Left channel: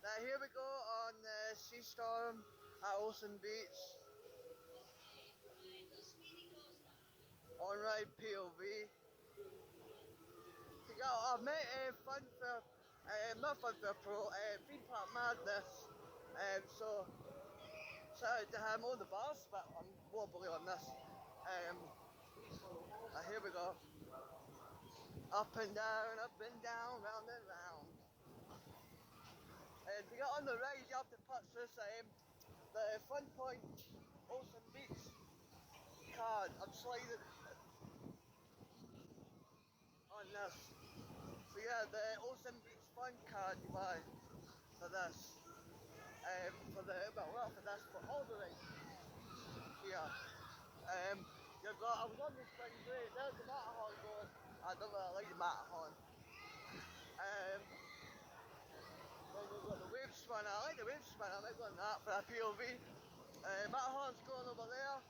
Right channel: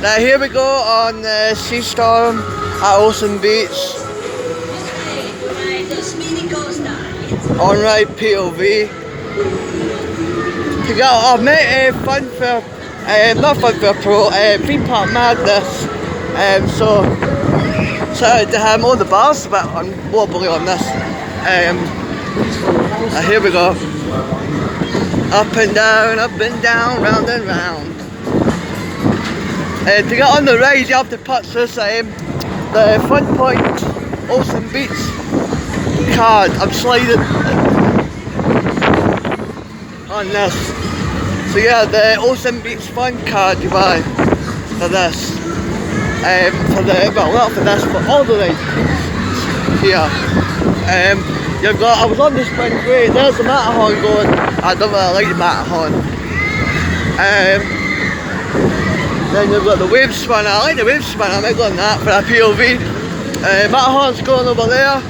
Now here we go on Sea Storm at Ocean Beach. On ride POV. I've met Funfair, not Funfair Pro, Theme Park Madness. So excited to have all the bars, but I'm wobbly on this. Here we go. Up and down, round and round. To get on the ride, you have to purchase the Fun Point Ocean Beach card. I'm sliding on this. So yeah, the Ocean Beach Fun card you buy for this. Not for this, but all the rides here. You've got, I was on the Spring Break, there's the Matterhorn going. I don't really like the Matterhorn. Then you've got the Wave Spinner. I like the Wave Spinner, I might go on that for a POV. Matterhorn's going over there.